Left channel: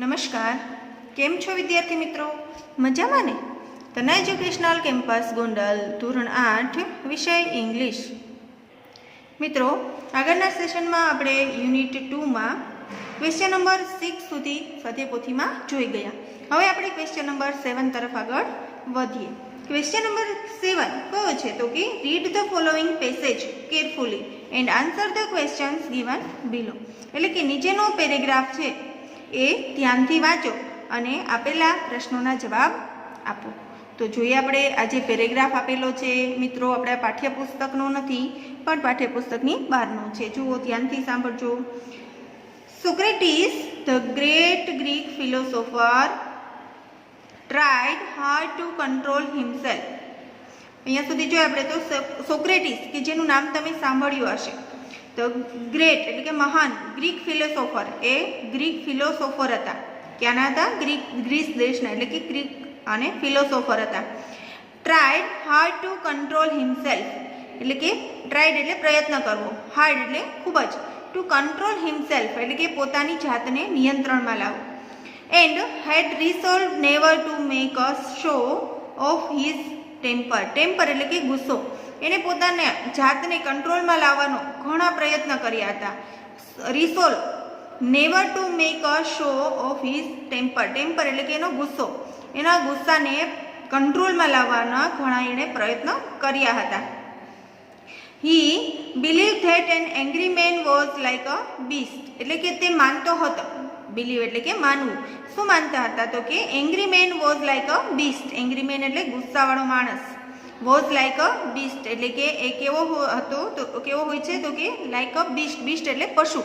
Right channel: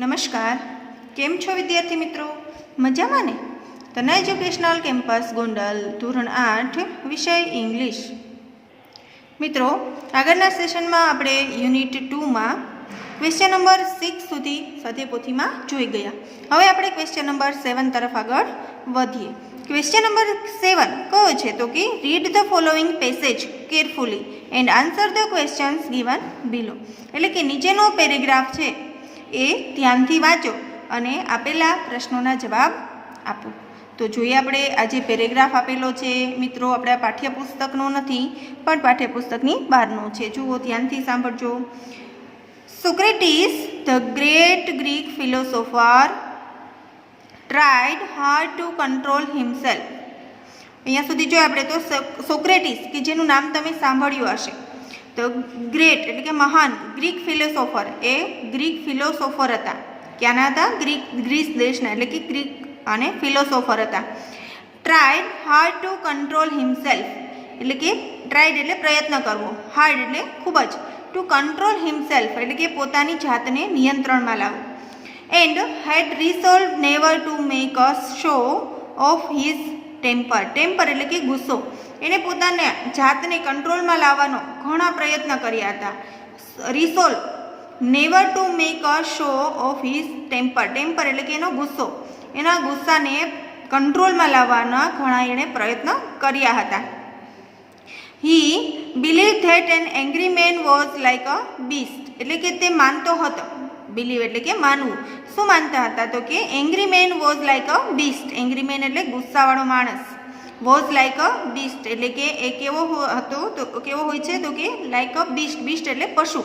નમસ્કાર, કેમ છો વિદ્યાર્થી મિત્રો? મજામાં ને? તના એજ્યુકેશનલ કેમ્પસ ગોંડલ ધોરણ 8 વિષય ઇંગ્લિશ. મિત્રો, આગળના સેશનમાં આપણે યુનિટ 2માં ક્વેશ્ચન નંબર 6 સુધી સ્વાધ્યાયપોથીમાં જોઈ ગયા. હવે આપણે ક્વેશ્ચન નંબર 7 તરફ આગળ વધીએ. ક્વેશ્ચન નંબર 7 કયો છે તો કે read the following passage carefully and answer the questions given below. એટલે કે નીચેનો પેરેગ્રાફ છે એ ધ્યાનથી વાંચો અને આપેલા પ્રશ્નોના જવાબ આપો. તો જોઈએ આપણે આ જે પેરેગ્રાફ આપેલો છે મિત્રો, આપણા પાઠ્યપુસ્તકનો નથી પણ પાઠ્યપુસ્તકની બહારનો છે. જુઓ, ધ્યાનથી સાંભળજો. Socrates, the great Greek philosopher, tried hard two control himself. અહીંયા સુધી જો આપણે તો સોક્રેટિસ, કે જેનું નામ તમે સાંભળ્યું હશે, તો ગ્રેટ એટલે કે મહાન ગ્રીક ફિલોસોફર, એ ગ્રીક ફિલોસોફર હતા. ક્યાંના હતા? ગ્રીસ દેશના, એટલે કે ગ્રીક અને ફિલોસોફર હતા. Tried hard two control himself, એટલે કે ટ્રાઈડ એટલે પ્રયત્ન કરવો, હાર્ડ એટલે ખૂબ જ, ટુ કંટ્રોલ હિમસેલ્ફ એટલે કે પોતાની જાતને નિયંત્રણમાં લાવવું. And he'd resolve never to make a show of his temper. Temper એટલે કે ગુસ્સો. એને પોતાને જાતને કંટ્રોલમાં લાવવાનો ઘણા પ્રયત્ન કર્યા હતા. Resolve never to make a show of his temper. Temper એટલે કે એનો ગુસ્સો, એના ગુસ્સાને કંટ્રોલમાં લાવવાના ઘણા એણે પ્રયત્ન કર્યા હતા. He believe that an angry man was like a beast. એટલે કે તે માનતો હતો, બિલીવ એટલે કે માનવું. શું માનતા હતા? તો કે angry man was like a beast. Angry man એટલે ગુસ્સાવાળો માણસ. વોઝ લાઇક અ બીસ્ટ એટલે કે એ કેવો હતો, તો કેવો હોય છે? તો કે લાઇક અ બીસ્ટ. બીસ્ટ એટલે પશુ.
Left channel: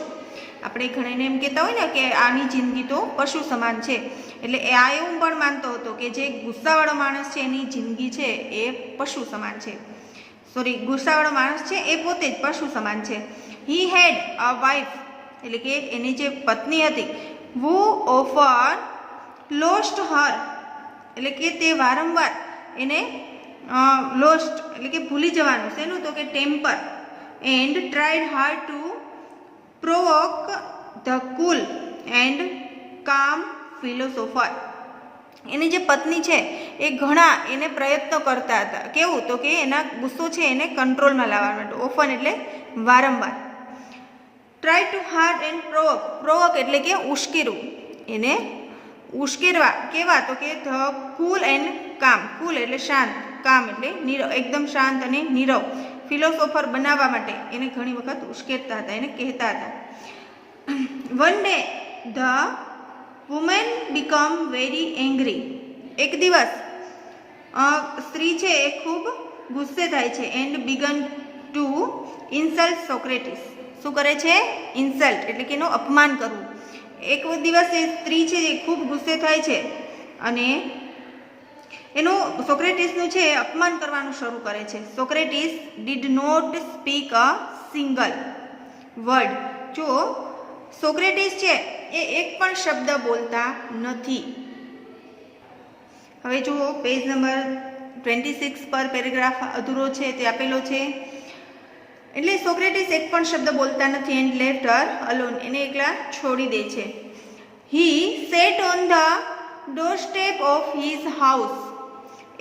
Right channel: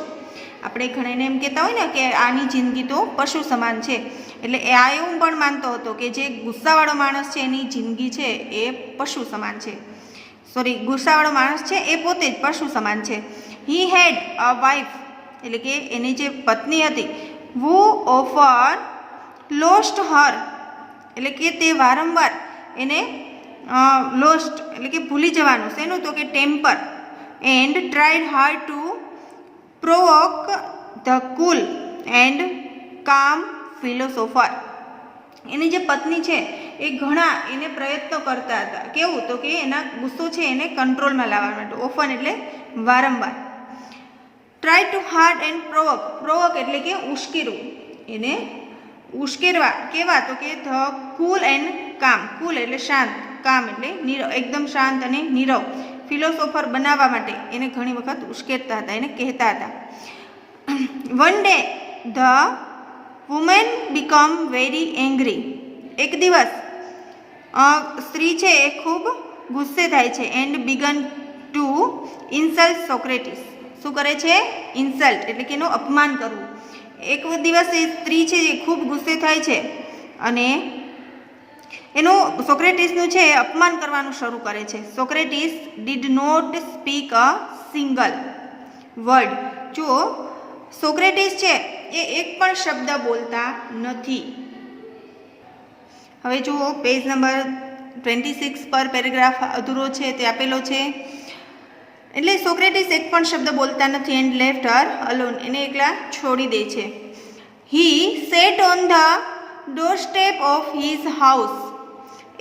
આપણે ઘણાને એમ કહેતા હોય ને કે આની જિંદગી તો પશુ સમાન છે. એટલે એ આ એવું પણ માનતો હતો કે જે ગુસ્સાવાળો માણસ છે એની જિંદગી છે એ પશુ સમાન છે. ગુસ્સાવાળો માણસ છે એ પોતે જ પશુ સમાન છે. હી હેડ અ વાઇફ એટલે કે એની જે પત્ની હતી, વુ ઓફર લોસ્ટ હર એટલે કે તે વારંવાર એને લોસ્ટ એટલે કે ભૂલી જવાનું. શેનું? તો કે temper. And tried hard to provoke the cool and calm philosopher. એની જે પત્ની છે એ ઘણા એને પ્રયત્નો કરતા હતા. કેવું? તો કે એના ગુસ્સો છે એને કંટ્રોલમાં લાવવા માટે. ઓફન એટલે વારંવાર. Try to hard and provoke. Provoke એટલે કે ઉશ્કેરવું, એને ઉશ્કેરવા. કેવા? તો કે ધ કુલ એન્ડ કામ. કુલ એટલે શાંત, કામ એટલે નીરવ, એકદમ શાંત અને નીરવ. ફિલોસોફર બનાવવા માટે એને ઘણી વખત ઉશ્કેરતા હતા, એને કહેતા હતા. One day the woman become very angry. એક દિવસ સ્ત્રી છે એ ખૂબ ગુસ્સે થાય છે. And begin to insult Socrates. શું કરે છે? ઇન્સલ્ટ એટલે કે એનું અપમાન કરવું. એક દિવસ એ સ્ત્રી છે એ ખૂબ ગુસ્સે થાય છે અને એનું સોક્રેટિસનું છે એ અપમાન કરવાનું શરૂ કરે છે. Socrates did not speak a single word. જો સોક્રેટિસ છે એ એક પણ શબ્દ બોલતા નથી. હવે જુઓ, પેજ નંબર 26 પર પેરેગ્રાફ અધૂરો છે તે આપેલો છે. એટલે સોક્રેટિસ એક પણ શબ્દ બોલતા નથી. And left her alone. એને એકલા છોડી દે છે. He sat on the doorstep of his house.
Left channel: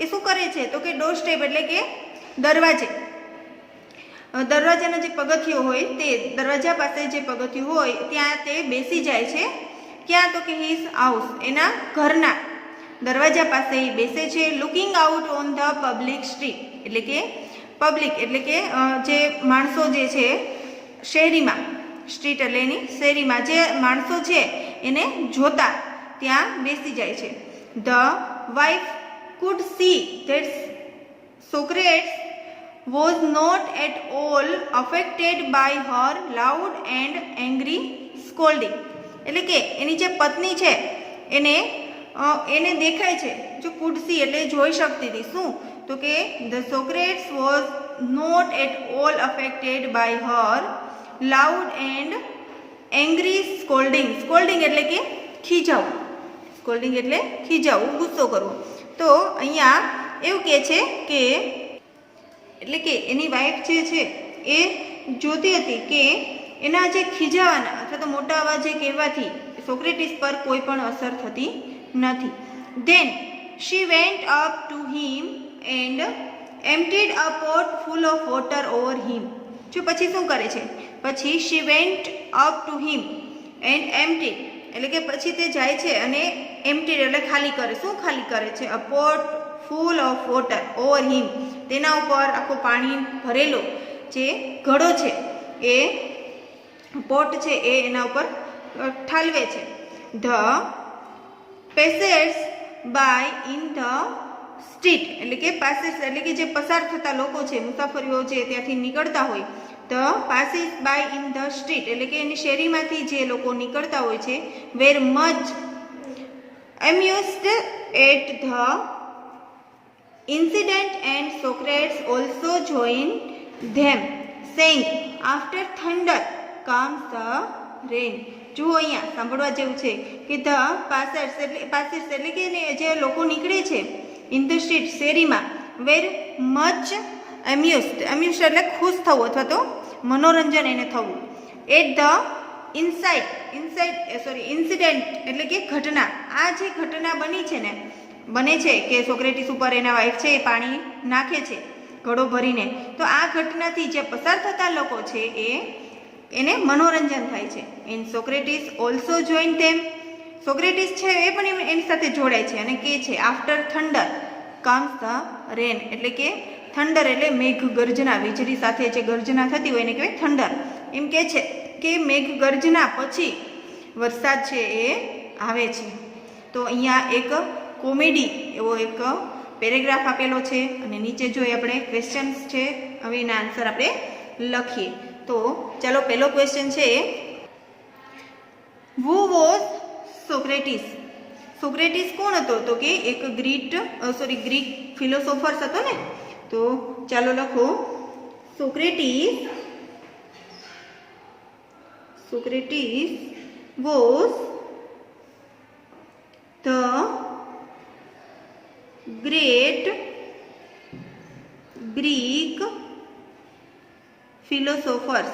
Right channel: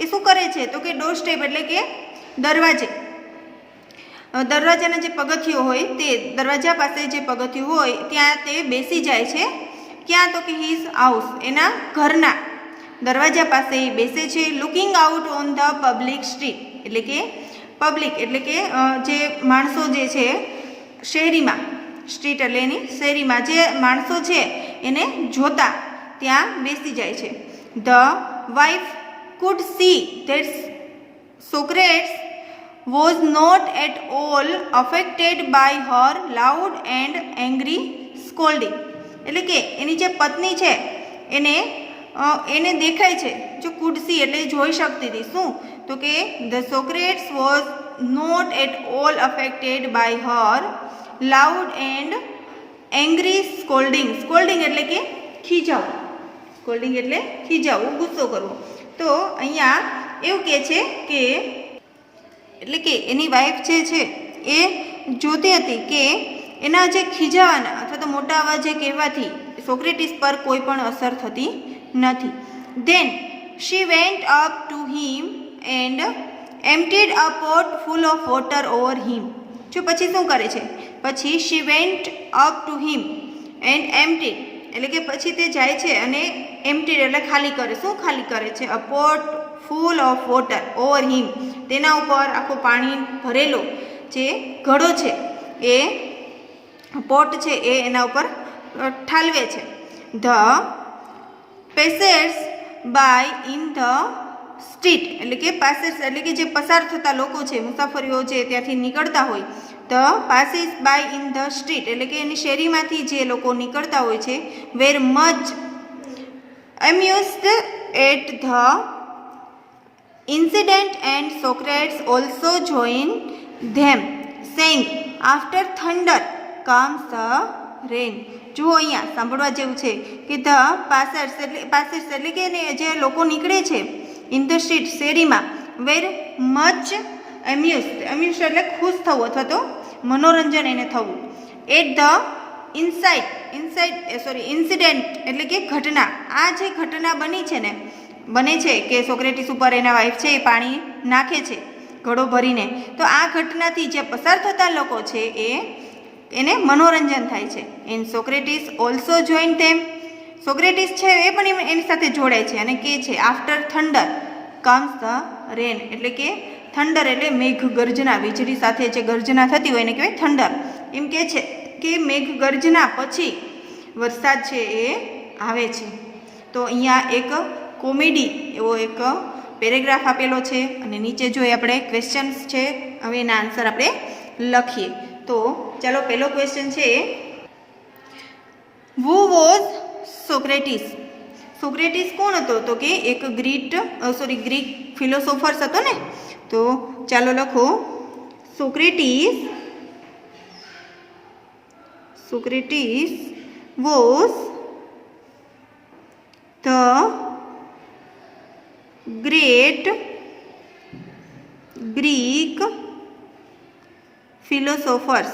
એ શું કરે છે? તો કે ડોર સ્ટેપ એટલે કે દરવાજે, દરવાજાના જે પગથિયો હોય તે દરવાજા પાસે જે પગથિયું હોય ત્યાં તે બેસી જાય છે. ક્યાં? તો કે હિઝ હાઉસ, એના ઘરના દરવાજા પાસે બેસે છે. Looking out on the public street એટલે કે પબ્લિક એટલે કે જે માણસો જે છે શહેરીમાં, સ્ટ્રીટ એટલે એની શહેરીમાં જે માણસો છે એને જોતા ત્યાં બેસી જાય છે. The wife could see that Socrates was not at all affected by her loud and angry scolding. એટલે કે એની જે પત્ની છે એને દેખાય છે. જો could see એટલે જોઈ શકતી હતી. શું? તો કે the Socrates was not at all affected by her loud and angry scolding. scolding એટલે કે ખીજાવું. scolding એટલે ખીજાવું, ગુસ્સો કરવો. તો અહીંયા એવું કહે છે કે એટલે કે એની વાઈફ જે છે એ જોતી હતી કે એના જે ખીજાવાના અથવા તો મોટા અવાજે કહેવાથી સોક્રેટિસ પર કોઈ પણ અસર થતી નથી. Then she went up to him and emptied a pot full of water over him. જો પછી શું કરે છે, પછી she went up to him and emptied એટલે કે પછી તે જાય છે અને એમ્પ્ટીડ એટલે ખાલી કરે. શું ખાલી કરે છે? A pot full of water over him, તેના ઉપર આખો પાણી ભરેલો જે ઘડો છે એ પોટ છે એ એના ઉપર ઠાલવે છે. The passers by in the street એટલે કે પાસેસ એટલે કે જે પસાર થતા લોકો છે, મુસાફરીઓ છે ત્યાંથી નીકળતા હોય. The passes by in the street એટલે કે એની શેરીમાંથી જે લોકો નીકળતા હોય છે. Were much amused at the incident and Socrates also joined them saying after thunder comes the rain. જુઓ અહીંયા સાંભળવા જેવું છે કે ધ પાસર્સ એટલે કે જે લોકો નીકળે છે ઇન ધ સ્ટ્રીટ શેરીમાં, વેર મચ એમ્યુઝડ એટલે ખુશ થવું અથવા તો મનોરંજન એને થવું. એટ ધ ઇન્સિડન્ટ એટલે કે ઘટના, આ જે ઘટના બને છે કે સોક્રેટિસ ઉપર એના વાઈફ છે એ પાણી નાખે છે ઘડો ભરીને, તો આ ઘટનાથી જે પસાર થતા લોકો છે એને મનોરંજન થાય છે. And Socrates also join them, Socrates છે એ પણ એની સાથે જોડાય છે અને કહે છે after thunder comes the rain એટલે કે થંડર એટલે મેઘ ગર્જના, વીજળી સાથે જે ગર્જના થતી હોય એને કહેવાય થંડર. એમ કહે છે કે મેઘ ગર્જના પછી વરસાદ છે એ આવે છે. તો અહીંયા એક કોમેડી એવો એક પેરેગ્રાફ આપેલો છે અને નીચે જોઈએ આપણે ક્વેશ્ચન્સ છે. હવે એના આન્સર આપણે લખીએ. તો ચાલો પહેલો ક્વેશ્ચન છે, હુ વોઝ સોક્રેટિસ? સોક્રેટિસ કોણ હતો? તો કે એક ગ્રીક ફિલોસોફર્સ હતો ને. તો ચાલો લખો Socrates was the great Greek philosophers.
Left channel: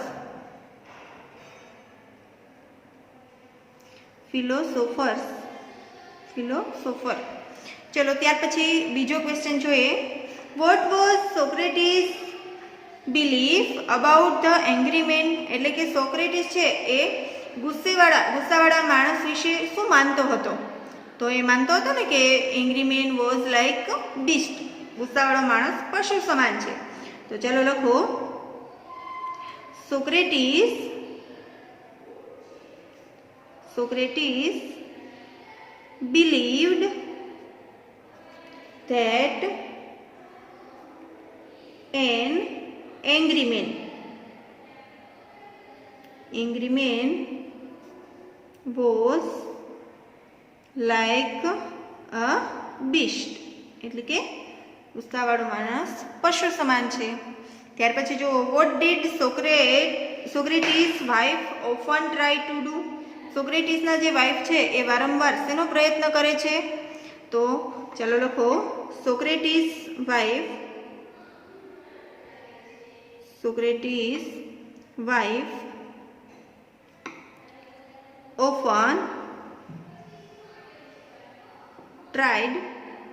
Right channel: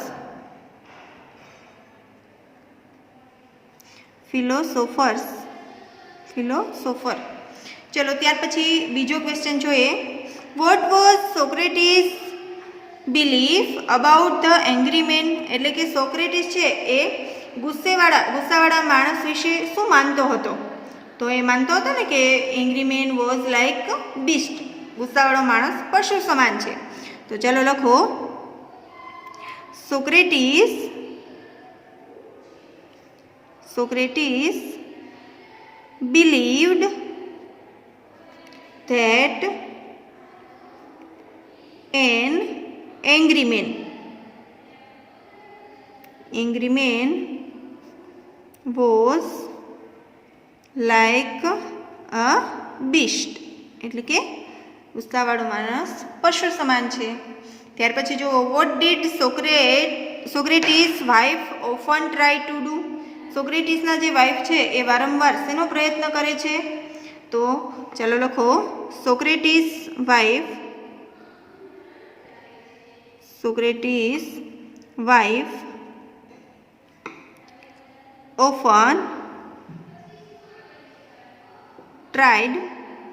ચલો ત્યાર પછી બીજો ક્વેશ્ચન જોઈએ. What was Socrates belief about the angry man એટલે કે સોક્રેટિસ છે એ ગુસ્સાવાળા માણસ વિશે શું માનતો હતો? તો એ માનતો હતો ને કે angry man was like beast, ગુસ્સાવાળો માણસ પશુ સમાન છે. તો ચાલો લખો Socrates believed that an angry man was like a beast એટલે કે ગુસ્સાવાળો માણસ પશુ સમાન છે. ત્યાર પછી જો what did Socrates wife often try to do? સોક્રેટિસના જે વાઇફ છે એ વારંવાર શેનો પ્રયત્ન કરે છે? તો ચાલો લખો સોક્રેટિસ વાઇફ ઓફન ટ્રાઇડ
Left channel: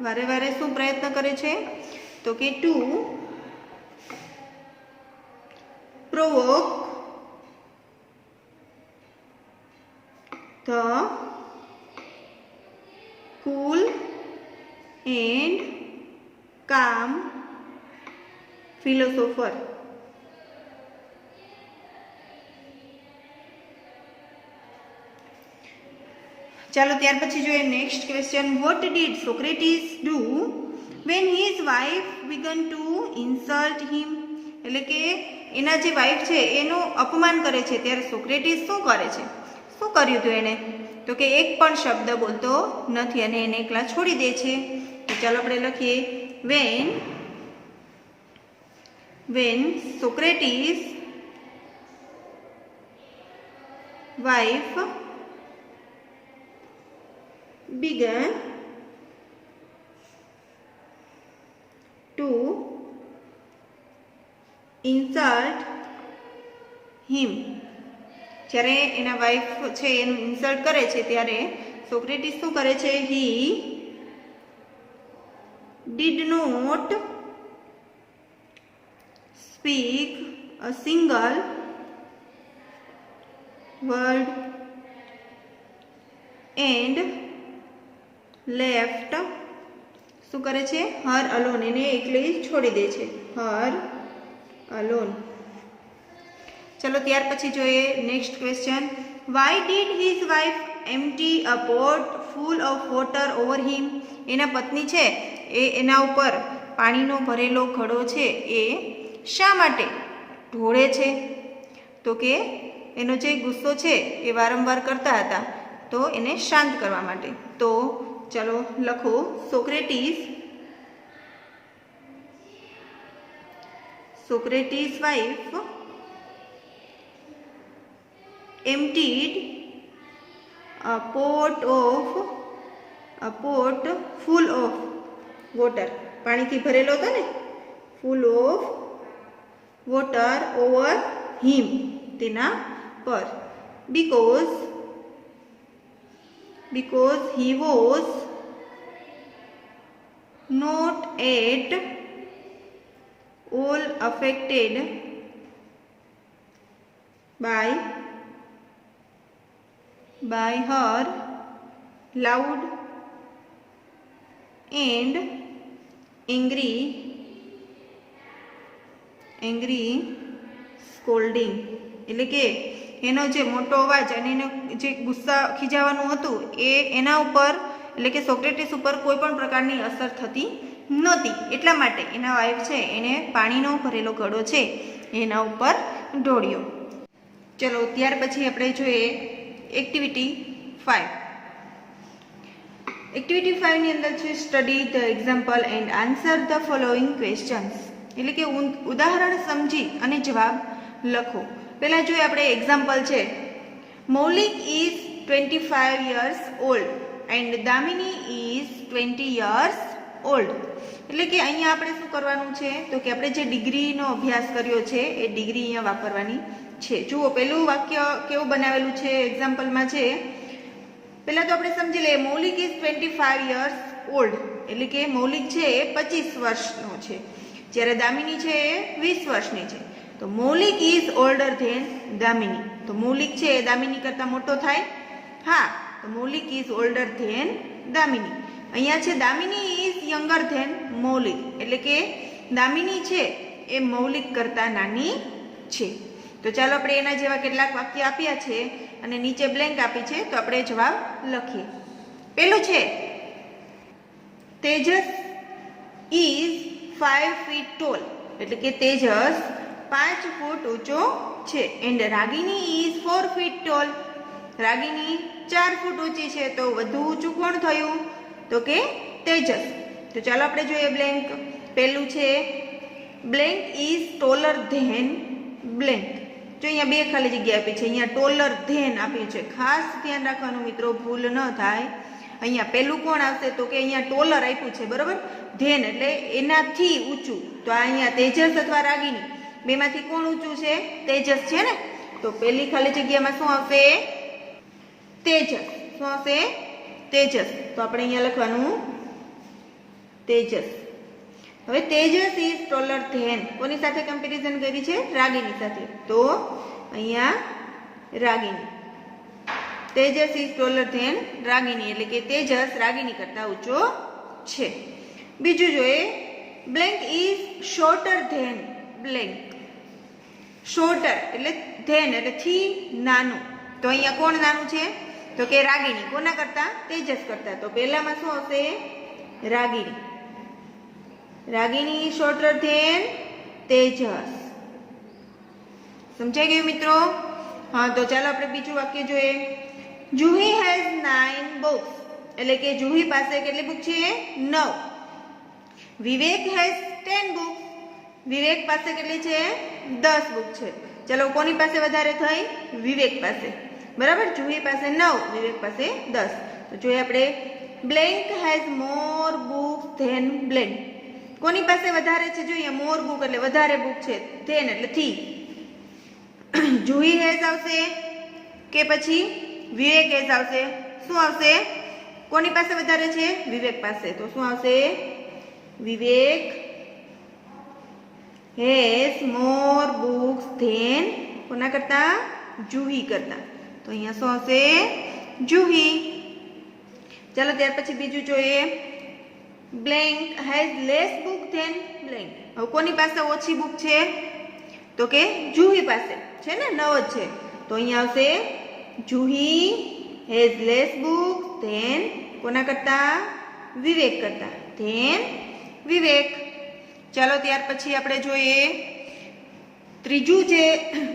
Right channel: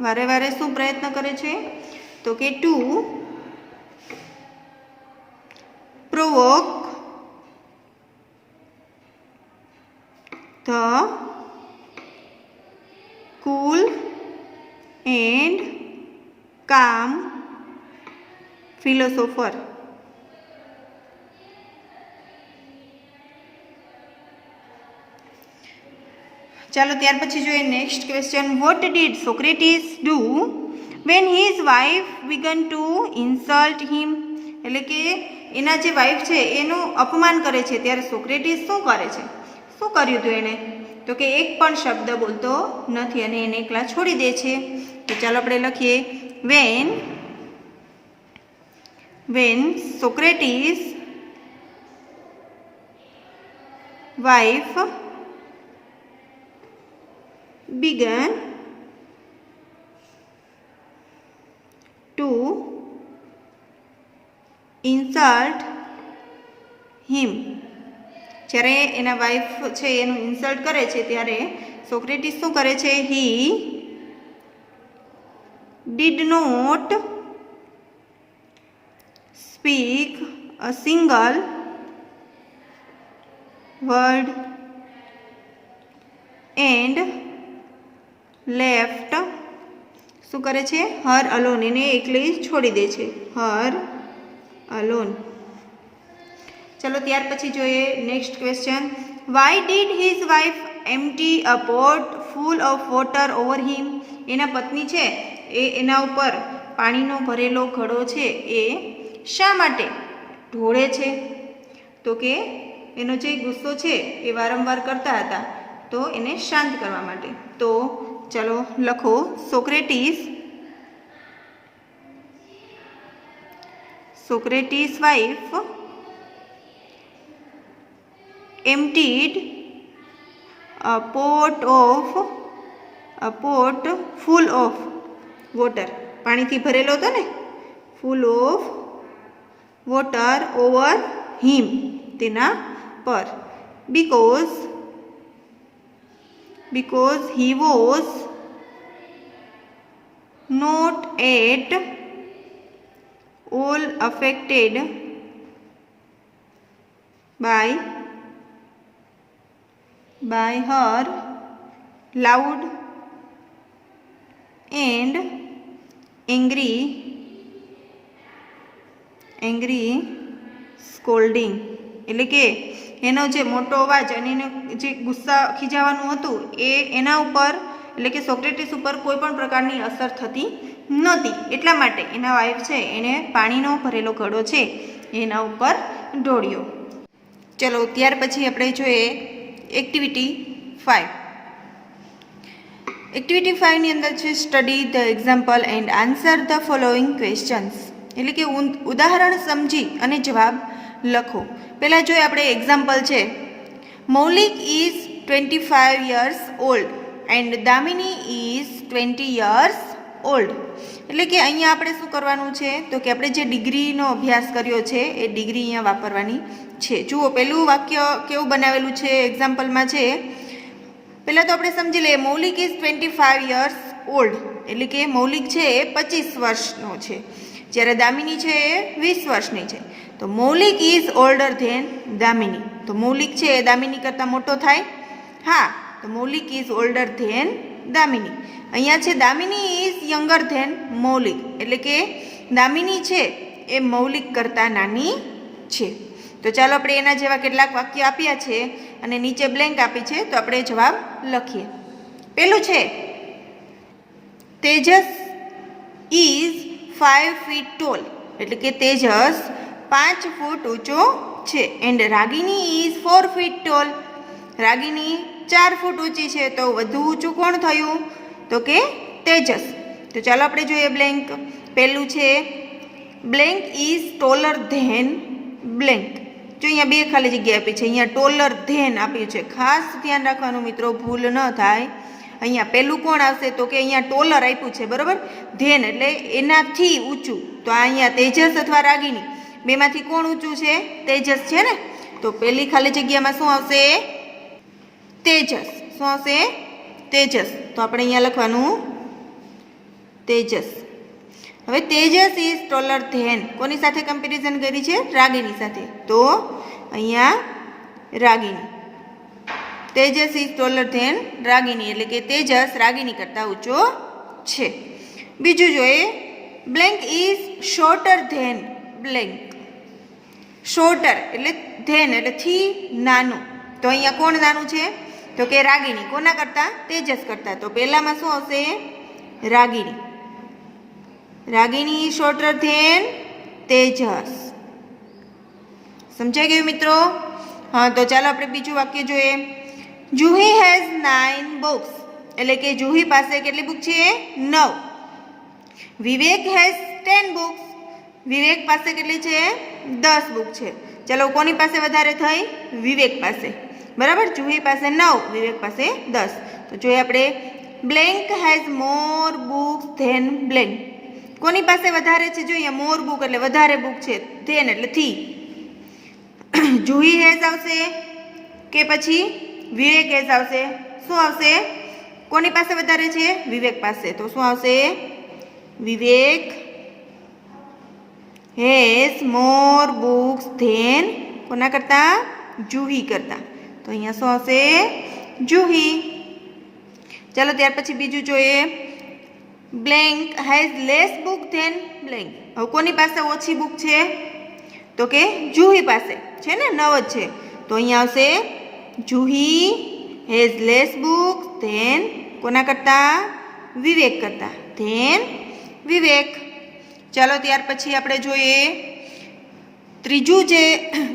વારે શું પ્રયત્ન કરે છે? તો કે to provoke the cool and calm philosopher. ચાલો ત્યાર પછી જોઈએ next question. What did Socrates do when his wife began to insult him એટલે કે એના જે વાઇફ છે એનું અપમાન કરે છે ત્યારે સોક્રેટિસ શું કરે છે? શું કર્યું હતું એને? તો કે એક પણ શબ્દ બોલતો નથી અને એને એકલા છોડી દે છે. તો ચાલો આપણે લખીએ when Socrates wife began to insult him જ્યારે એના વાઈફ છે એનું ઇન્સલ્ટ કરે છે ત્યારે સોક્રેટિસ શું કરે છે? He did not speak a single word and left શું કરે છે? હર અલોન, એને એકલી છોડી દે છે, હર અલોન. ચલો ત્યાર પછી જોઈએ next question. Why did his wife empty a pot full of water over him? એના પત્ની છે એ એના ઉપર પાણીનો ભરેલો ઘડો છે એ શા માટે ઢોળે છે? તો કે એનો જે ગુસ્સો છે એ વારંવાર કરતા હતા તો એને શાંત કરવા માટે. તો ચલો લખો, Socrates wife emptied a pot full of water, પાણીથી ભરેલો હતો ને, full of water over him, તેના પર, because he was not at all affected by her loud and angry scolding. એટલે કે એનો જે મોટો અવાજ અને એનો જે ગુસ્સા ખીજાવાનું હતું એ એના ઉપર એટલે કે સોક્રેટિસ ઉપર કોઈ પણ પ્રકારની અસર થતી નહોતી. એટલા માટે એના વાઈફ છે એને પાણીનો ભરેલો ઘડો છે એના ઉપર ઢોળ્યો. ચલો ત્યાર પછી આપણે જોઈએ એક્ટિવિટી 5. એક્ટિવિટી 5 ની અંદર છે study the example and answer the following questions, એટલે કે ઉદાહરણ સમજી અને જવાબ લખો. પહેલાં જોઈએ આપણે એક્ઝામ્પલ છે, Maulik is 25 years old and Damini is 20 years old. એટલે કે અહીંયા આપણે શું કરવાનું છે તો કે આપણે જે ડિગ્રીનો અભ્યાસ કર્યો છે એ ડિગ્રી અહીંયા વાપરવાની છે. જુઓ પહેલું વાક્ય કેવું બનાવેલું છે એક્ઝામ્પલમાં છે. પહેલાં તો આપણે સમજી લઈએ, મૌલિક ઇઝ 25 years ઓલ્ડ, એટલે કે મૌલિક છે એ 25 વર્ષનો છે, જ્યારે દામિની છે એ 20 વર્ષની છે. તો મૌલિક ઇઝ ઓલ્ડર ધેન દામિની, તો મૌલિક છે એ દામિની કરતાં મોટો થાય? હા, તો મૌલિક ઇઝ ઓલ્ડર ધેન દામિની. અહીંયા છે દામિની ઇઝ યંગર ધેન મૌલિક, એટલે કે દામિની છે એ મૌલિક કરતાં નાની છે. તો ચાલો આપણે એના જેવા કેટલાક વાક્ય આપ્યા છે અને નીચે બ્લેન્ક આપી છે તો આપણે જવાબ લખીએ. પેલું છે, તેજસ ઇઝ 5 feet tall, એટલે કે તેજસ 5 ફૂટ ઊંચો છે. And Ragini is 4 feet tall, રાગિની 4 ફૂટ ઊંચી છે. તો વધુ ઊંચું કોણ થયું? તો કે તેજસ. તો ચાલો આપણે જોઈએ બ્લેન્ક. પહેલું છે, blank is taller than blank. જો અહીંયા બે ખાલી જગ્યા આપી છે, અહીંયા ટોલર ધેન આપ્યું છે. ખાસ ધ્યાન રાખવાનું મિત્રો, ભૂલ ન થાય. અહીંયા પહેલું કોણ આવશે તો કે અહીંયા ટોલર આપ્યું છે, બરાબર, ધેન એટલે એનાથી ઊંચું. તો આ અહીંયા તેજસ અથવા રાગિની બેમાંથી કોણ ઊંચું છે? તેજસ છે ને. તો પહેલી ખાલી જગ્યામાં શું આવશે? તેજસ. શું આવશે? તેજસ. તો આપણે અહીંયા લખવાનું તેજસ. હવે તેજસ ઇઝ ટોલર ધેન, કોની સાથે કમ્પેરિઝન કરી છે? રાગિની સાથે. તો અહીંયા Ragini, Tejas is taller than Ragini, એટલે કે તેજસ રાગિની કરતાં ઊંચો છે. બીજું જોઈએ, blank is shorter than blank. Shorter એટલે ધેન એટલે થી નાનું. તો અહીંયા કોણ નાનું છે? તો કે રાગિની. કોના કરતાં? તેજસ કરતાં. તો પહેલામાં શું આવશે? રાગિની. Ragini shorter than Tejas. સમજાઈ ગયું મિત્રો? હા, તો ચાલો આપણે બીજું વાક્ય જોઈએ. જુહી હેઝ 9 books, એટલે કે જુહી પાસે કેટલી બુક છે? 9. વિવેક હેઝ 10 books, વિવેક પાસે કેટલી છે? 10 બુક છે. ચલો કોની પાસે વધારે થઈ? વિવેક પાસે, બરાબર. જુહી પાસે 9, વિવેક પાસે 10. તો જોઈએ આપણે, blank has more books than blank. કોની પાસે વધારે છે? જોઈએ મોર બુક એટલે વધારે બુક છે, ધેન એટલે થી. જુહી હેઝ આવશે, કે પછી વિવેક હેઝ આવશે? શું આવશે? કોની પાસે વધારે છે? વિવેક પાસે. તો શું આવશે? વિવેક હેઝ મોર બુક્સ ધેન કોના કરતા? જુહી કરતા. તો અહીંયા શું આવશે? જુહી. ચાલો ત્યાર પછી બીજું જોઈએ. Blank has less book than blank. હવે કોની પાસે ઓછી બુક છે? તો કે જુહી પાસે છે ને, 9 જ છે. તો અહીંયા આવશે Juhi has less book than કોના કરતા? વિવેક કરતા. ધેન વિવેક. ચાલો ત્યાર પછી આપણે જોઈએ ત્રીજું જે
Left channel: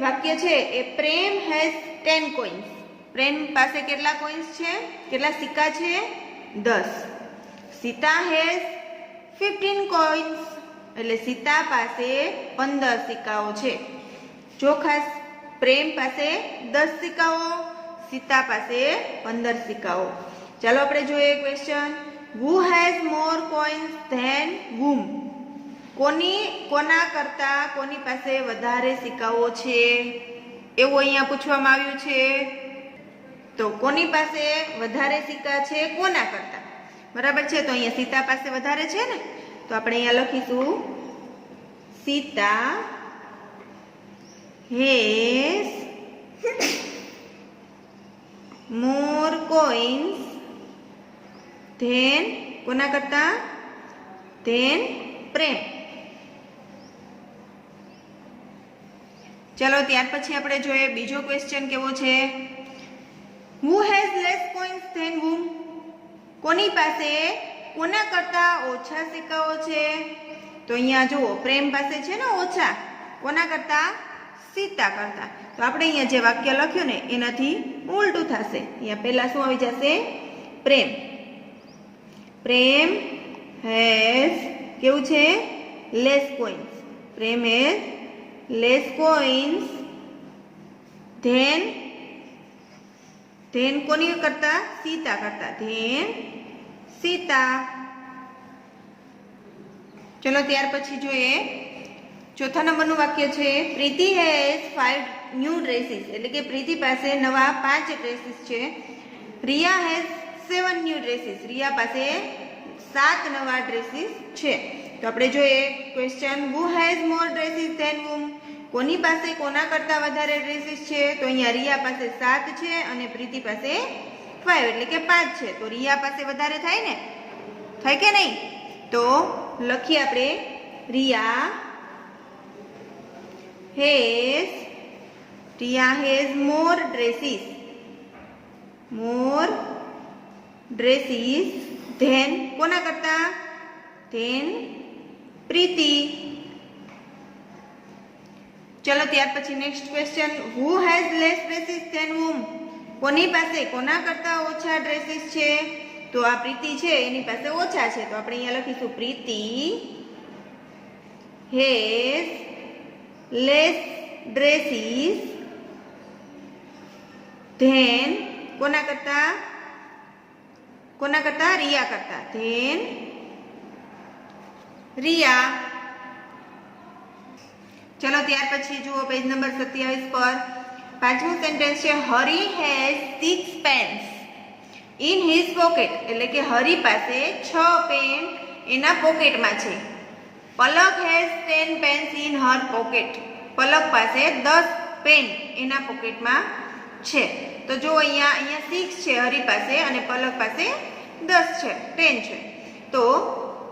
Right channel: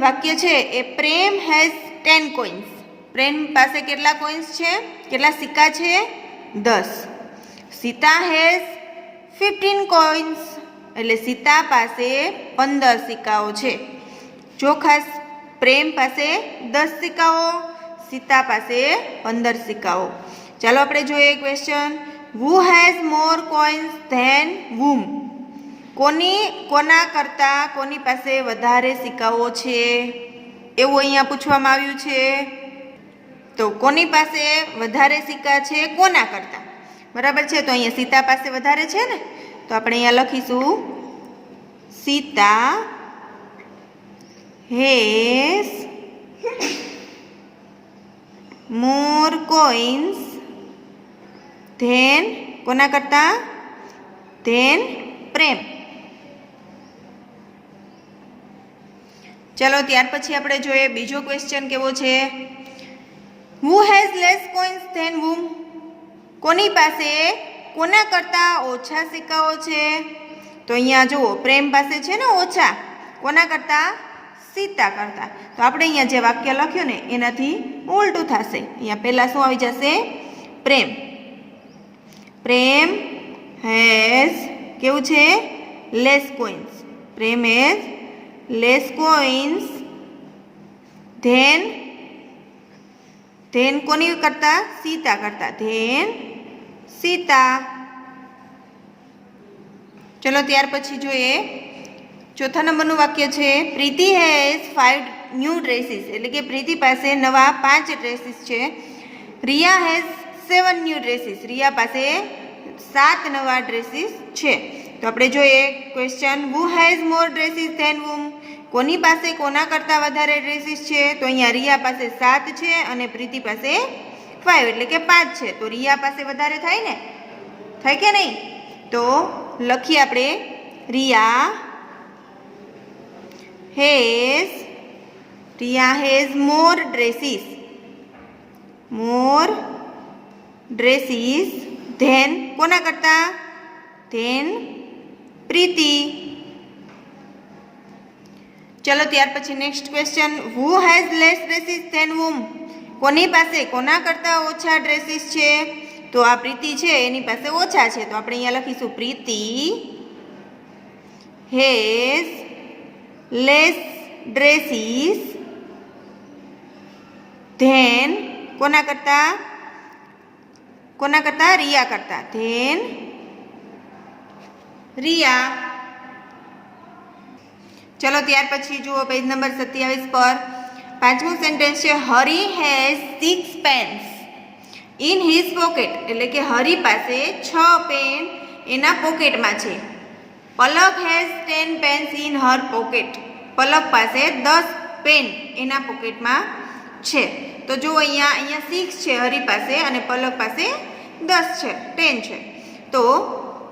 વાક્ય છે એ પ્રેમ હેઝ 10 કોઇન્સ. પ્રેમ પાસે કેટલા કોઇન્સ છે? કેટલા સિક્કા છે? 10. Sita has 15 coins. એટલે સીતા પાસે 15 સિક્કાઓ છે. જો ખાસ પ્રેમ પાસે 10 સિક્કાઓ, સીતા પાસે 15 સિક્કાઓ. ચાલો આપણે જોઈએ question. Who has more coins than whom? કોના કરતા કોની પાસે વધારે સિક્કાઓ છે એવું અહીંયા પૂછવામાં આવ્યું છે. તો કોની પાસે વધારે સિક્કા છે કોના કરતા? બરાબર છે. તો અહીંયા સીતા પાસે વધારે છે ને, તો આપણે અહીંયા લખીશું Sita has more coins than કોના કરતા? ધેન પ્રેમ. ચલો ત્યાર પછી આપણે જોઈએ બીજો ક્વેશ્ચન કેવો છે. Who has less coins than whom? કોની પાસે કોના કરતા ઓછા સિક્કાઓ છે? તો અહીંયા જુઓ પ્રેમ પાસે છે ને ઓછા, કોના કરતા? સીતા કરતા. તો આપણે અહીંયા જે વાક્ય લખ્યું ને એનાથી ઉલટું થશે. અહીંયા પહેલા શું આવી જશે? પ્રેમ. પ્રેમ હેઝ કેવું છે? Less coins. Prem has less coins than કોની કરતા? સીતા કરતા. ધેન સીતા. ચલો ત્યાર પછી જોઈએ ચોથા નંબરનું વાક્ય છે પ્રીતિ હેઝ 5 ન્યૂ ડ્રેસીસ. એટલે કે પ્રીતિ પાસે નવા 5 ડ્રેસીસ છે. Riya has 7 new dresses. Riya પાસે 7 નવા ડ્રેસીસ છે. તો આપણે જોઈએ question. Who has more dresses than whom? કોની પાસે કોના કરતાં વધારે ડ્રેસીસ છે? તો અહીંયા રિયા પાસે 7 છે અને પ્રીતિ પાસે 5 એટલે કે 5 છે. તો રિયા પાસે વધારે થાય ને? થાય કે નહીં? તો લખીએ આપણે Riya has more dresses. More dresses than કોના કરતા? ધેન પ્રીતિ. ચલો ત્યાર પછી next question. Who has less dresses than whom? કોની પાસે કોના કરતા ઓછા ડ્રેસીસ છે? તો આ પ્રીતિ છે એની પાસે ઓછા છે. તો આપણે અહીંયા લખીશું પ્રીતિ હેઝ લેસ ડ્રેસીસ ધેન કોના કરતા? કોના કરતા? રિયા કરતા. ધેન રિયા. ચલો ત્યાર પછી જુઓ પેજ નંબર 27 પર પાંચમું સેન્ટેન્સ છે Hari has 6 pens in his pocket. એટલે કે હરી પાસે 6 પેન એના પોકેટમાં છે. Palak has 10 pens in her pocket. Palak પાસે 10 પેન એના પોકેટમાં છે. તો જો અહીંયા 6 છે હરી પાસે અને પલક પાસે 10 છે, 10 છે. તો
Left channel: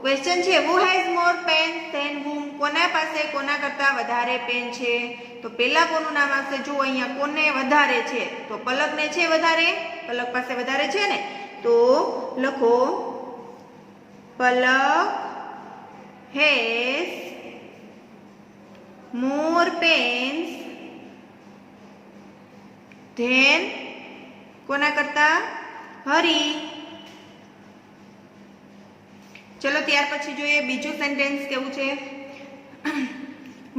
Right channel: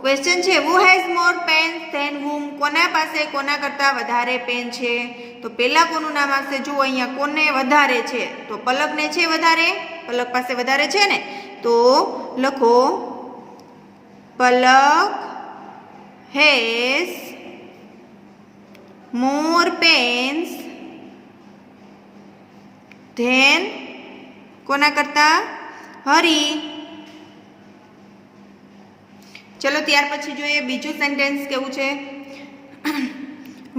ક્વેશ્ચન છે who has more pens than whom? કોના પાસે કોના કરતાં વધારે પેન છે? તો પહેલા કોનું નામ આવશે? જો અહીંયા કોને વધારે છે? તો પલકને છે વધારે. પલક પાસે વધારે છે ને, તો લખો પલક હેઝ મોર પેન્સ ધેન કોના કરતા? હરી. ચલો ત્યાર પછી જોઈએ બીજું સેન્ટેન્સ કેવું છે.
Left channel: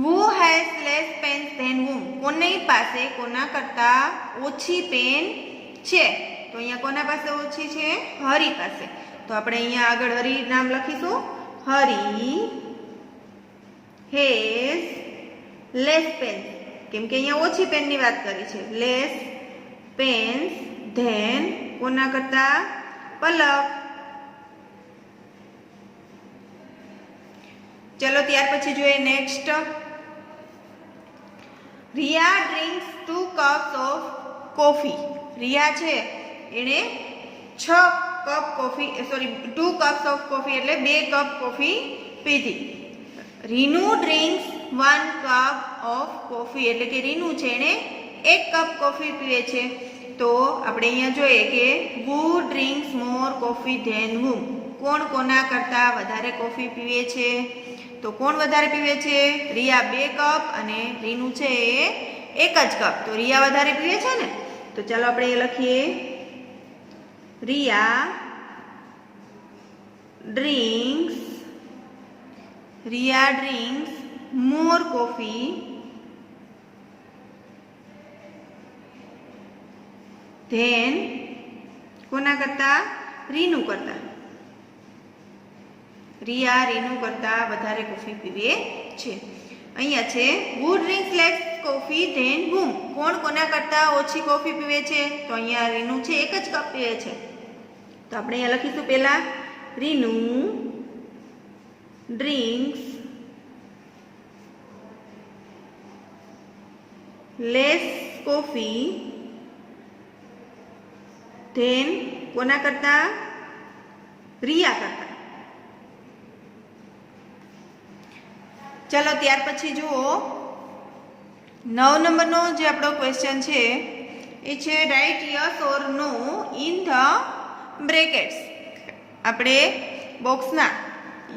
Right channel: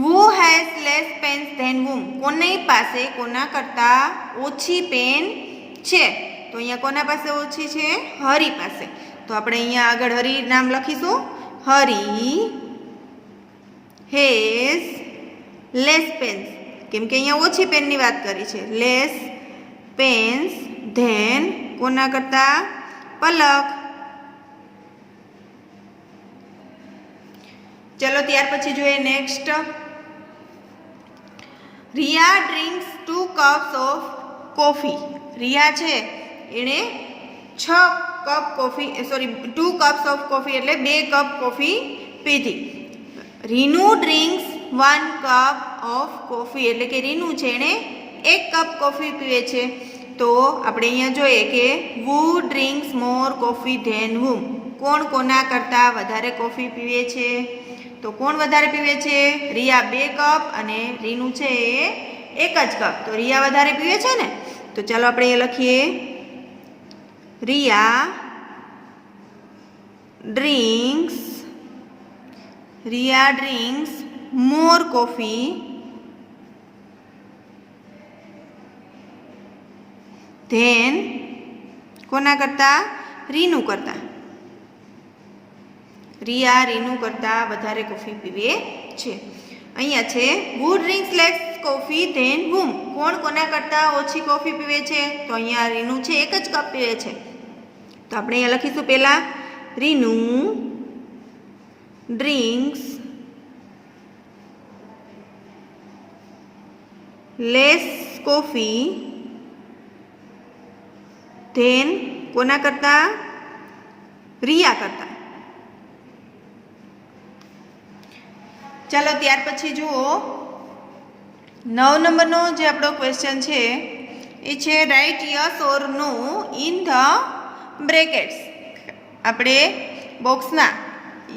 Who has less pens than whom? કોની પાસે કોના કરતાં ઓછી પેન છે? તો અહીંયા કોના પાસે ઓછી છે? હરી પાસે. તો આપણે અહીંયા આગળ હરી નામ લખીશું. હરી હેઝ લેસ પેન્સ. કેમ કે અહીંયા ઓછી પેનની વાત કરી છે. લેસ પેન્સ, ધેન કોના કરતા? પલક. ચલો ત્યાર પછી જોઈએ next. Riya drinks 2 cups of coffee. Riya છે એણે 2 કપ્સ ઓફ કોફી એટલે 2 કપ કોફી પીધી. રીનુ ડ્રિંક્સ 1 કપ ઓફ કોફી એટલે કે રીનુ છે એણે 1 કપ કોફી પીવે છે. તો આપણે અહીંયા જોઈએ કે who drinks more coffee than whom? કોણ કોના કરતાં વધારે કોફી પીવે છે? તો કોણ વધારે પીવે છે? રિયા 2 કપ અને રીનુ છે એ 1 જ કપ. તો રિયા વધારે પીવે છે ને. તો ચાલો આપણે એ લખીએ. રિયા ડ્રિંક્સ મોર કોફી ધેન કોના કરતા? રીનુ કરતા. રિયા રીનુ કરતા વધારે કોફી પીવે છે. અહીંયા છે who drinks less coffee than whom? કોણ કોના કરતા ઓછી કોફી પીવે છે? તો અહીંયા રીનુ છે 1 જ કપ પીવે છે. તો આપણે અહીંયા લખીશું પહેલા રીનુ ડ્રિંક્સ લેસ કોફી ધેન કોના કરતા? રિયા કરતા. ચાલો ત્યાર પછી જુઓ 9 નંબરનો જે આપણો ક્વેશ્ચન છે એ છે right yes or no in the brackets. આપણે બોક્સમાં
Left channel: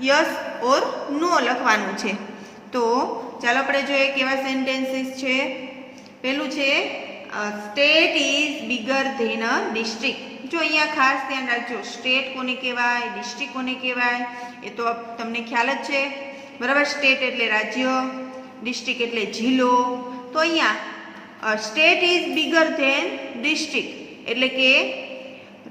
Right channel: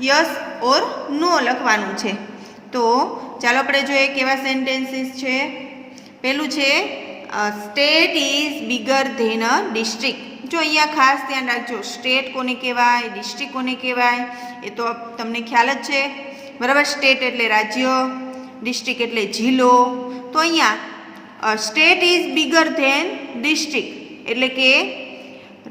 યસ ઓર નો લખવાનું છે. તો ચાલો આપણે જોઈએ કેવા સેન્ટેન્સીસ છે. પહેલું છે state is bigger than a district. જો અહીંયા ખાસ ધ્યાન રાખજો, સ્ટેટ કોને કહેવાય, ડિસ્ટ્રિક્ટ કોને કહેવાય એ તો તમને ખ્યાલ જ છે, બરાબર. સ્ટેટ એટલે રાજ્ય, ડિસ્ટ્રિક્ટ એટલે જિલ્લો. તો અહીંયા state is bigger than district એટલે કે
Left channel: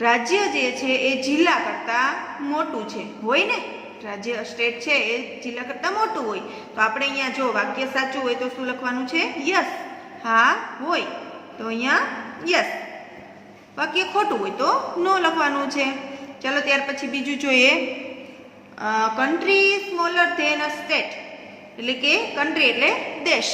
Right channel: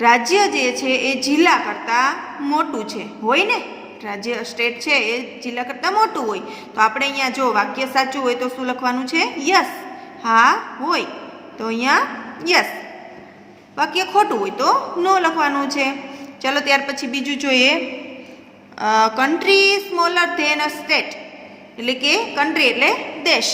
રાજ્ય જે છે એ જિલ્લા કરતાં મોટું છે, હોય ને. રાજ્ય સ્ટેટ છે એ જિલ્લા કરતાં મોટું હોય. તો આપણે અહીંયા જો વાક્ય સાચું હોય તો શું લખવાનું છે? યસ, હા હોય. તો અહીંયા યસ. વાક્ય ખોટું હોય તો નો લખવાનું છે. ચાલો ત્યાર પછી બીજું જોઈએ. Country smaller than a state એટલે કે કન્ટ્રી એટલે દેશ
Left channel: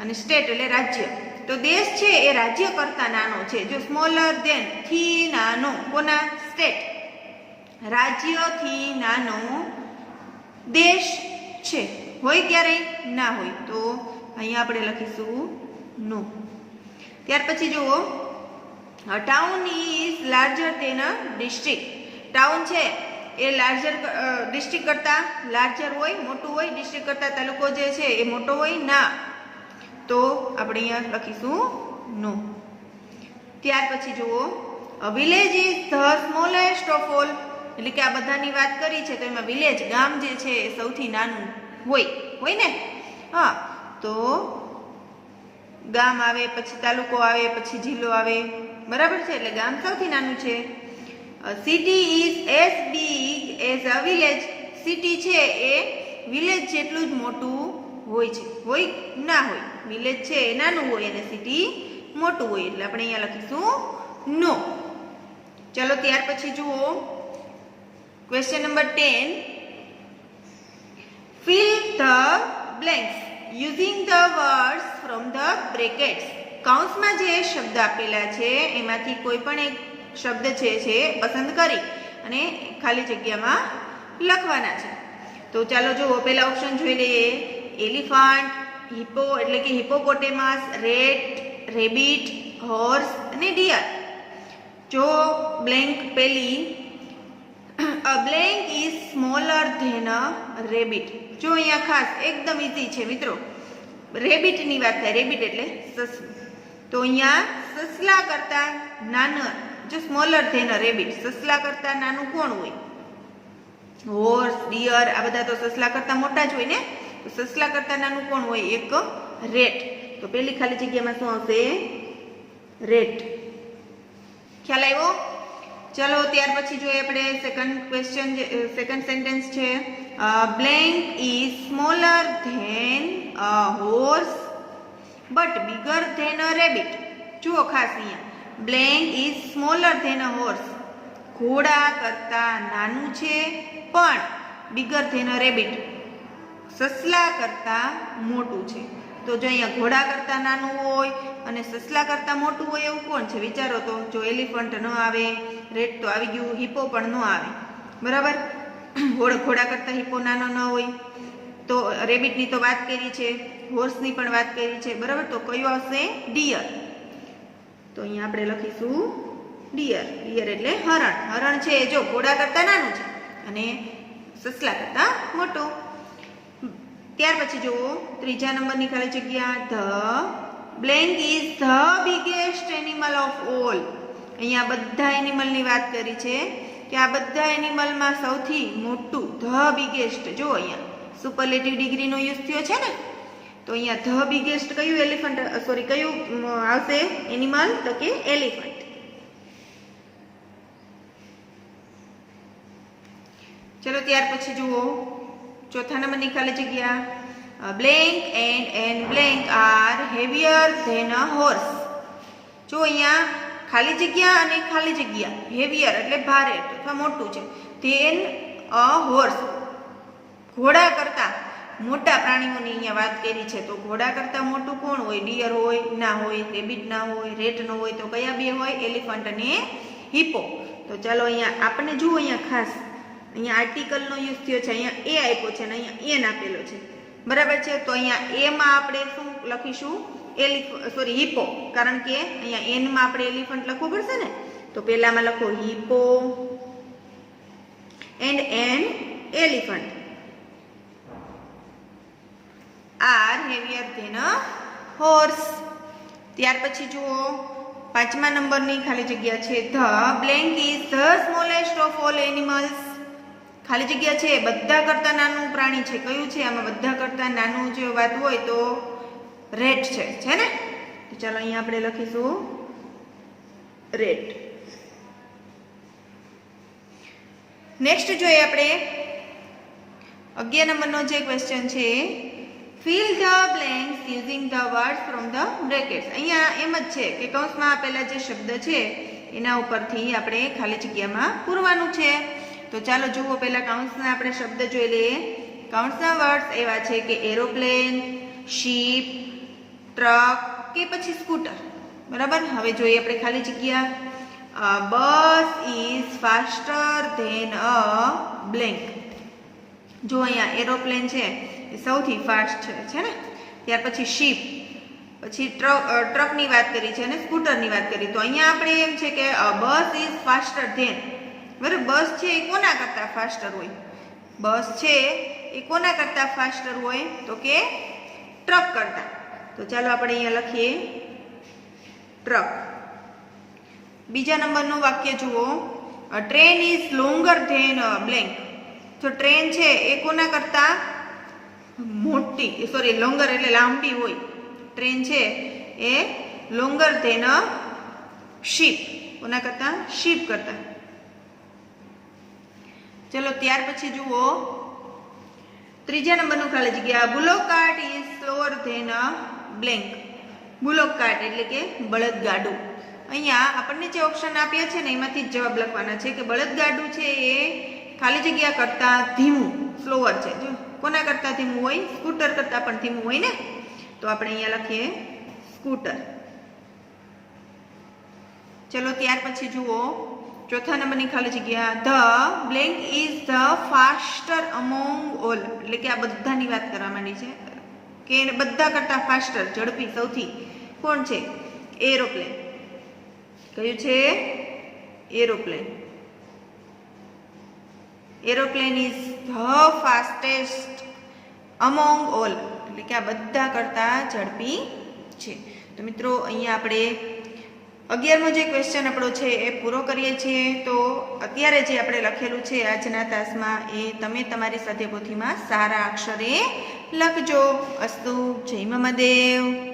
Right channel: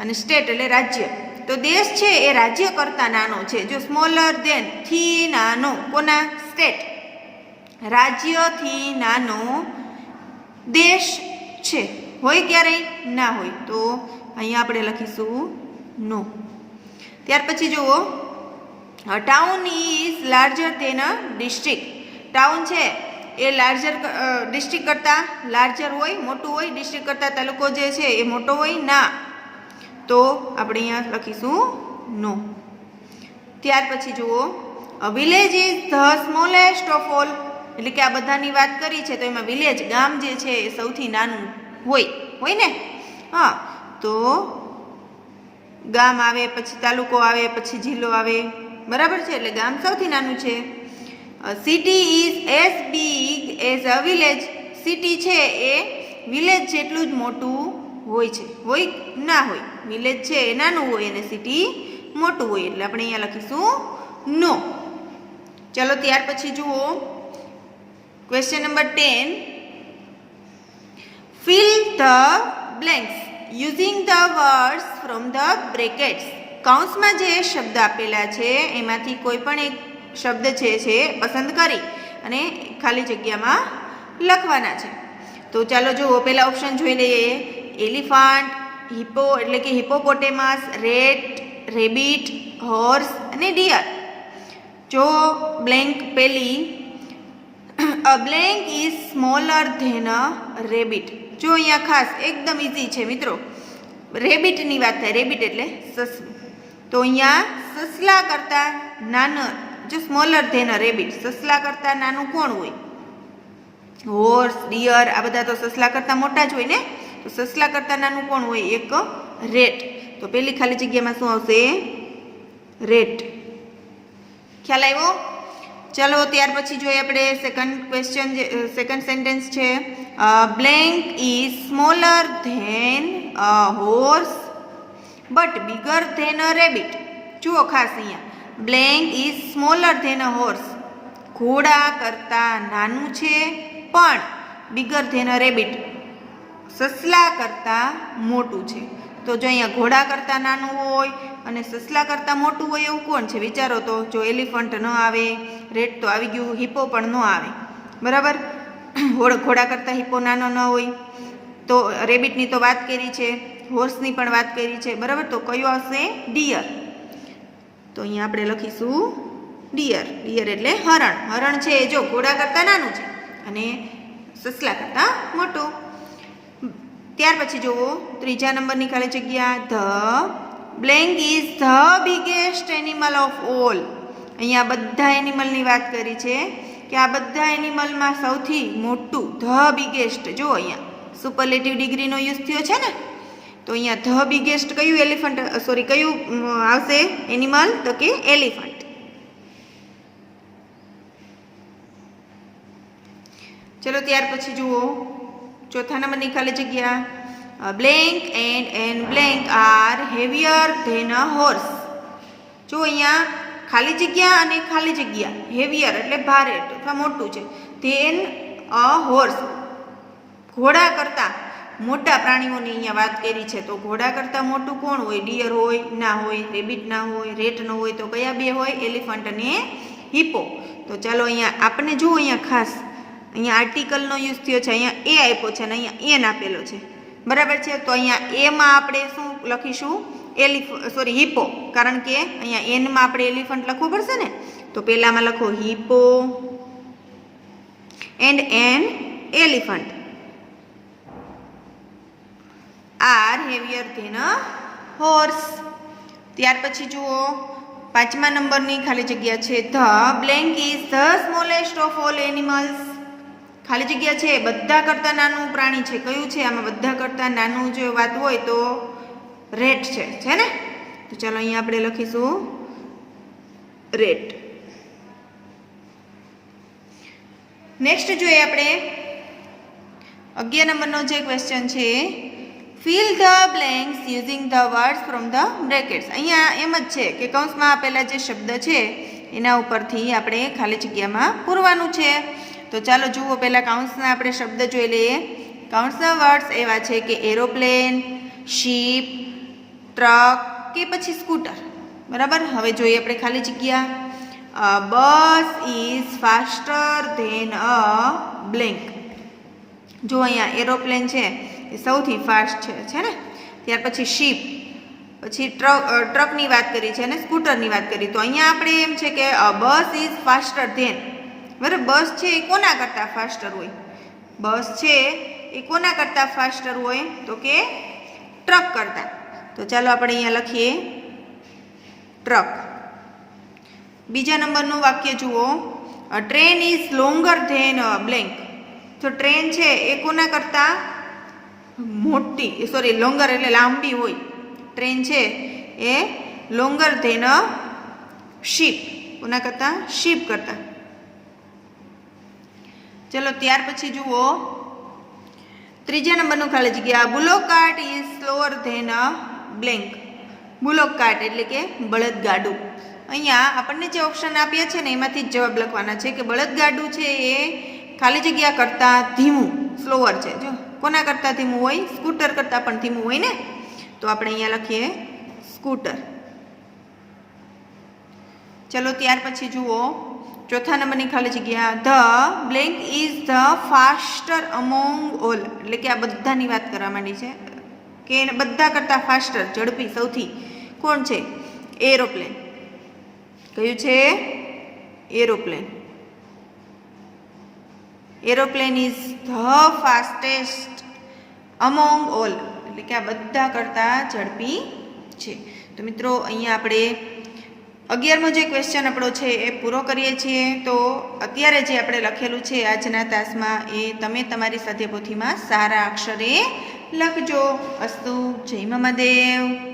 અને સ્ટેટ એટલે રાજ્ય. તો દેશ છે એ રાજ્ય કરતાં નાનો છે. જો સ્મોલર ધેન થી નાનો કોના? સ્ટેટ. રાજ્યથી નાનો દેશ છે, હોય ક્યારેય? ના હોય. તો અહીંયા આપણે લખીશું નો. ત્યાર પછી જુઓ town is larger than a district. Town છે એ લાર્જર ડિસ્ટ્રિક્ટ કરતાં લાર્જર હોય, મોટું હોય. ડિસ્ટ્રિક્ટ કરતાં તાલુકો જે છે એ મોટો હોય? ના. તો આપણે અહીંયા લખીશું નો. ત્યાર પછી જુઓ village is the smallest of all એટલે કે આ બધાની વાત કરી છે તો એમાં વિલેજ ગામ જે છે એ સૌથી નાનું હોય ને. હા, તો ગામ આવે, પછી તાલુકો આવે, પછી જિલ્લો આવે, બરાબર છે. એટલે ગામ સૌથી નાનું છે. City is as big as a village. City છે એ વિલેજ જેટલું જ મોટું હોય છે, હોય ના હોય. વિલેજ છે એ નાનું હોય અને સિટી મોટું હોય. એટલે આપણે અહીંયા લખીશું નો. ચાલો ત્યાર પછી જુઓ question number 10. Fill the blanks using the words from the brackets. કૌંસમાં જે શબ્દ આપેલા છે એમાંથી કોઈ પણ એક શબ્દ છે પસંદ કરી અને ખાલી જગ્યામાં લખવાના છે. તો ચાલો જુઓ પહેલા ઓપ્શન જોઈ લઈએ. એલિફન્ટ, હિપ્પો એટલે કે હિપોપોટેમસ, રેટ, રેબિટ, હોર્સ અને ડિયર. જો બ્લેન્ક પહેલી a blank is smaller than a rabbit. જો અહીંયા ખાસ એકદમ ઇઝી છે મિત્રો, રેબિટની વાત થાય. રેબિટ એટલે સસલું. તો અહીંયા સસલા કરતાં નાના, જો સ્મોલર ધેન અ રેબિટ, સસલા કરતાં નાનું કોણ હોય? હોર્સ, ડિયર, આ બધા તો સસલા કરતાં મોટા જ હોય ને. તો સસલા કરતાં નાનું કોણ હોય? એક રેટ. તો પેલી ખાલી જગ્યામાં શું આવશે? રેટ. ખ્યાલ આવ્યો? ચાલો ત્યાર પછી જોઈએ આપણે સેકન્ડ સેન્ટેન્સ છે blank is smaller than a horse but bigger than a rabbit. જુઓ ખાસ અહીંયા blank is smaller than a horse. ઘોડા કરતાં નાનું છે પણ બિગર ધેન અ રેબિટ. સસલા કરતાં મોટું છે. તો જો અહીંયા ઘોડા કરતાં નાનું હોય અને સસલા કરતાં મોટું હોય એવું કોણ છે? વિચારો તો. જો એલિફન્ટ ન આવે, રેટ તો આવી ગયું, હિપ્પો પણ ન આવે. બરાબર? ઘોડા કરતાં હિપ્પો નાનો ન હોય. તો રેબિટની તો વાત કરી છે, હોર્સની પણ વાત કરી છે. બરાબર? તો કયો હશે? ડિયર. તો અહીંયા આપણે લખીશું ડિયર. ડિયર એટલે હરણ. હરણ છે જો ઘોડા કરતાં નાનું છે અને સસલા કરતાં મોટું. ત્યાર પછી જુઓ ત્રીજા નંબરની ખાલી જગ્યા. The blank is the biggest animal of all. અહીંયા બધા એનિમલની વાત કરી છે કે આ બધા એનિમલમાં સૌથી મોટું ધ બિગેસ્ટ. જો અહીંયા સુપરલેટિવ ડિગ્રીનો યુઝ થયો છે ને, તો અહીંયા ધ બિગેસ્ટ કયું એલિફન્ટ કયું આવશે એનિમલ? તો કે એલિફન્ટ. ચલો ત્યાર પછી જુઓ ચોથા નંબરની ખાલી જગ્યા. Blank and blank are heavier than a horse. જો અહીંયા ખાલી જગ્યા અને ખાલી જગ્યા. હેવિયર એટલે ભારે અથવા મોટું છે. Than a horse. ઘોડા કરતાં મોટા પ્રાણીઓની અહીંયા વાત કરી છે. તો ઘોડા કરતાં મોટું કોણ હોય? ડિયર હોય? ના હોય. રેબિટ ના હોય. રેટ ન હોય. તો કયા બે હોય? એલિફન્ટ અને હિપ્પો. તો ચાલો અહીંયા આપણે જુઓ અહીંયા ખાસ અહીંયા આર્ટિકલનો યુઝ થયો છે. અહીંયા એ આપ્યો છે અને અહીંયા એન આપેલો છે. બરાબર છે? તો અહીંયા એમાં આપણે શું લખીશું? હિપ્પો. કારણ કે અહીંયા એનમાં આપણે એલિફન્ટ લખવું પડશે ને. તો પહેલામાં લખો hippo and an elephant are heavier than a horse. ત્યાર પછી જુઓ પાંચમા નંબરની ખાલી જગ્યા છે. The blank is the smallest of all animals. ખાલી જગ્યા છે બધા કરતાં નાનું પ્રાણી છે. કયું છે આમાં? બધા કરતાં નાનું જો વાત હોય તો રેટ છે ને. તો ચાલો અહીંયા આપણે લખીશું રેટ. નેક્સ્ટ જોઈએ આપણે 11 નંબરનો જે ક્વેશ્ચન છે. Fill the blanks using the words from the brackets. અહીંયા એમ જ છે કે કૌંસમાં આપેલા જે શબ્દ છે એના ઉપરથી આપણે ખાલી જગ્યામાં પૂરવાનું છે. તો ચાલો જુઓ પહેલાં કૌંસના આપણે શબ્દ જોઈ લઈએ. કૌંસના વર્ડ્સ એવા છે કે એરોપ્લેન, શીપ, ટ્રક કે પછી સ્કૂટર. બરાબર? હવે જોઈએ આપણે ખાલી જગ્યા. Bus is faster than a blank. જો અહીંયા એરોપ્લેન છે એ સૌથી ફાસ્ટ છે ને. ત્યાર પછી શીપ, પછી ટ્રકની વાત કરી છે અને સ્કૂટરની વાત કરી. તો અહીંયા આપણે એમ છે કે બસ ઇઝ ફાસ્ટર ધેન. બરાબર? બસ છે એ કોના કરતાં ફાસ્ટર હોય? બસ છે એ કોના કરતાં ફાસ્ટર હોય? તો કે ટ્રક કરતાં. તો ચાલો આપણે અહીંયા લખીએ ટ્રક. બીજા નંબરનું વાક્ય જુઓ. Train is longer than blank. તો ટ્રેન છે એ કોના કરતાં મોટી લોંગર એટલે લાંબી હોય. ટ્રેન છે એ લોંગર ધેન શીપ. કોના કરતાં? શીપ કરતાં. ચલો ત્યાર પછી જુઓ ત્રીજા નંબરનું ખાલી જગ્યા. Bullock cart is slower than a blank. Bullock cart એટલે કે બળદગાડું. અહીંયા આપણને જે ઓપ્શન આપ્યા છે ને એમાંથી જ જવાબ લખવાના છે કે બળદગાડું છે એ ખાલી જગ્યા કરતાં ધીમું, સ્લોઅર છે. જો કોના કરતાં ધીમું હોય? સ્કૂટર કરતાં પણ ધીમું હોય ને. તો આપણે અહીંયા લખીએ સ્કૂટર. ચલો ત્યાર પછી જુઓ ચોથા નંબરની ખાલી જગ્યા. The blank is the faster among all. એટલે કે આ બધાની વાત કરવા માંડી છે કે બધા કરતાં ફાસ્ટર, ઝડપી સૌથી કોણ છે? એરોપ્લેન. કયું છે? Aeroplane. Aeroplane is the fastest among all. એટલે કે આ બધા કરતાં ઝડપી છે. તો મિત્રો અહીંયા આપણે 11મો જે ક્વેશ્ચન આપણો છે એ પૂરો કરીએ છીએ. તો અત્યારે જે આપણે લખેલું છે આજના તાસમાં એ તમે તમારી સ્વાધ્યાય પોથીમાં સારા અક્ષરે લખજો. અસ્તુ. જય મહાદેવ.